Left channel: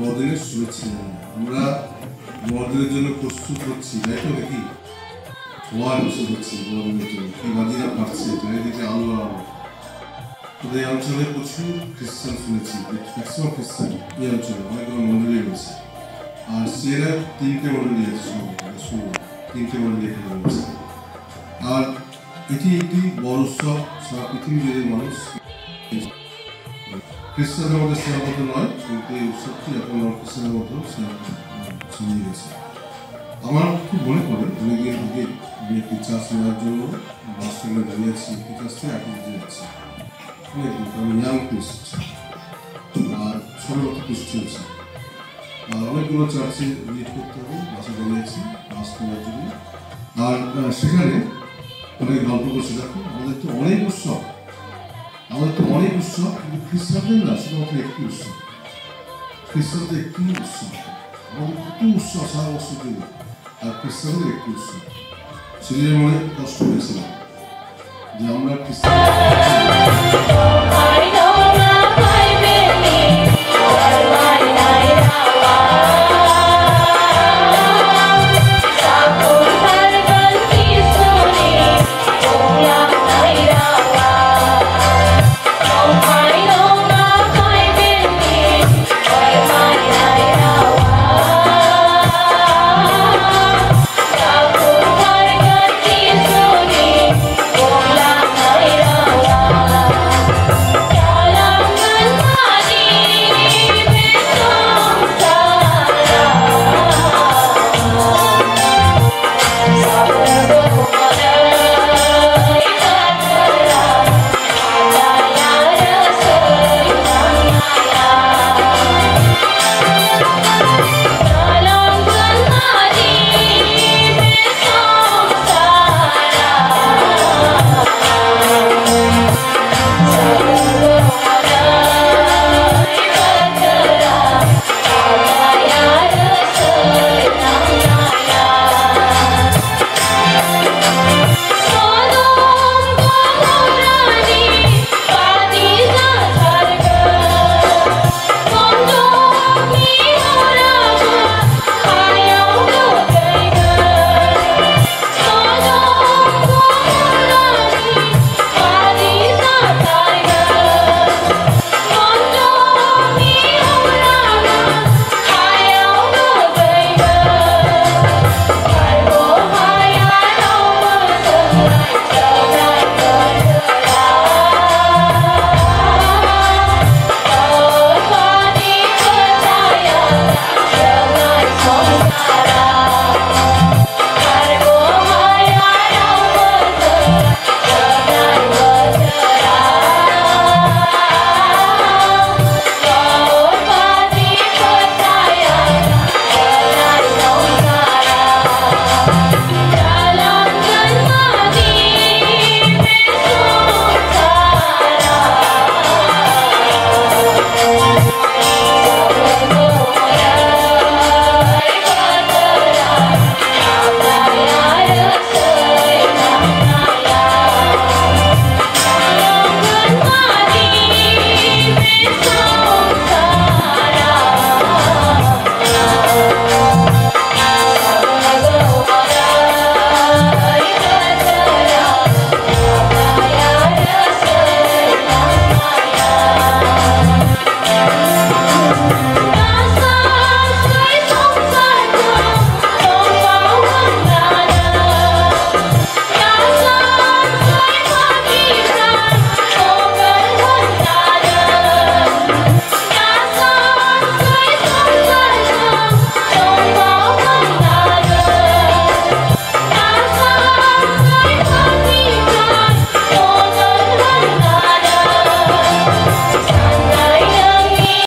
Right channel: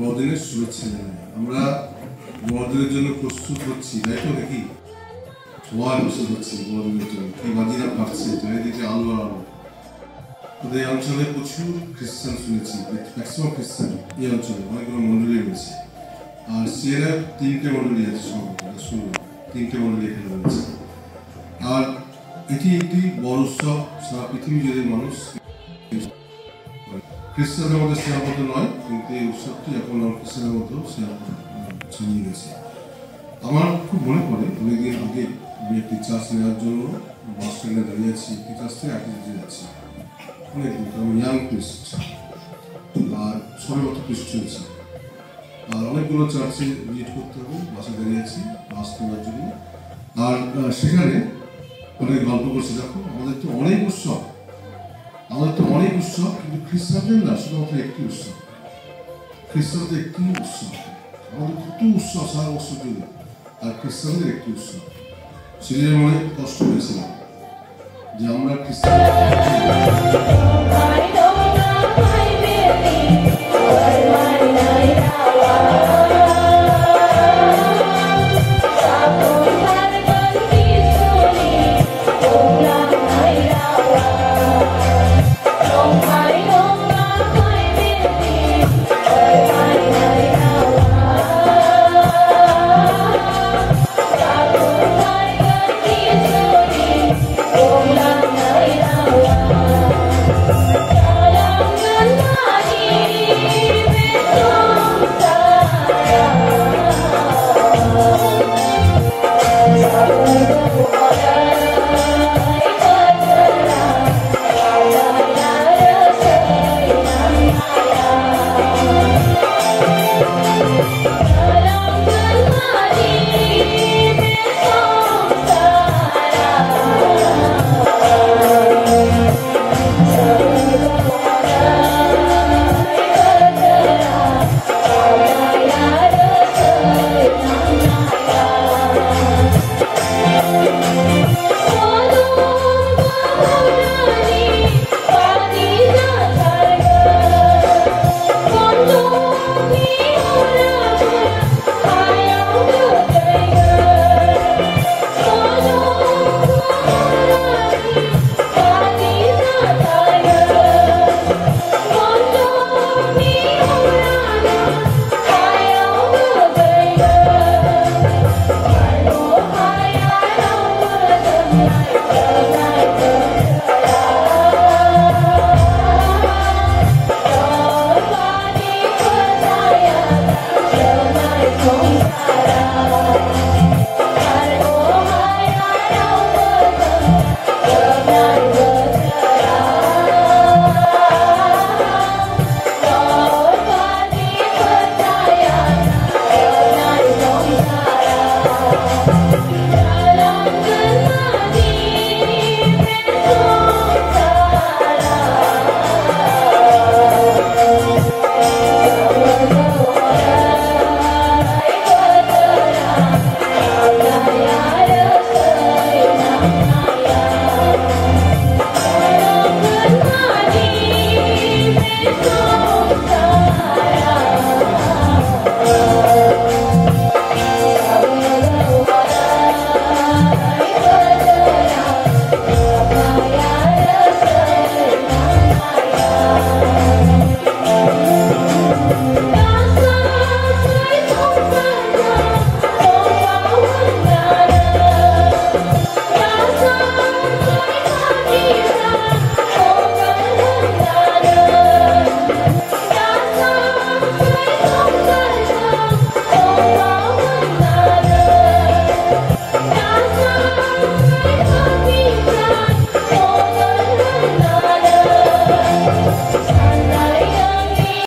বড়দিনের শুভেচ্ছা জানাই। আমরা বড়দিনের জন্য প্রস্তুত হচ্ছি, তাই তো নাকি? সবাই প্রস্তুত হচ্ছি বড়দিনের জন্য। কি বাজিরা পাচ্ছে, চারিদিকে আলো আর আলো। এই অঞ্চলে প্রচুর খ্রিস্টান শুনেছি, ম্যাক্সিমাম খ্রিস্টান এই অঞ্চলে অনেকগুলো মন্ডলী রয়েছে। আর সেরা 3টে মন্ডলী আছে, শুনলাম 3টে মন্ডলী এখানে রয়েছে। আর এটি একটি বড় উৎসব, সারা পৃথিবী জুড়ে মানুষ খ্রিস্টানদের মধ্যে সীমাবদ্ধ নয়, কিন্তু এই উৎসবটি এখন খ্রিস্টানদের মধ্যেও ছড়িয়ে গেছে। আমার খুব মনে পড়ে অনেকদিন আগে আমি একটি চার্জ নেওয়ার জন্য বাস স্ট্যান্ডে দাঁড়িয়ে আছি, একটি চার্জ থেকে আগে যেতে যাচ্ছি। অনেকদিন আমি ইয়াং খ্রিস্ট আর সবেমাত্র খ্রিস্ট হয়েছি। আর অনেকগুলো চার্চে ভিজিট করতে হবে, বাসে দাঁড়িয়ে আছি বাস নেওয়ার জন্য। আর সেখানে অনেক গল্প করছে, দেখো আমাদের তো অনেক উৎসব, কিন্তু খ্রিস্টানদের না শুধুমাত্র একটি উৎসব। খ্রিস্টানদের একটি উৎসব, আমাদের কত উৎসব সারা বছর জুড়ে, আর খ্রিস্টানদের একটি উৎসব। সেদিনের মনে কষ্ট হয়েছিলাম যে আমরা খ্রিস্টান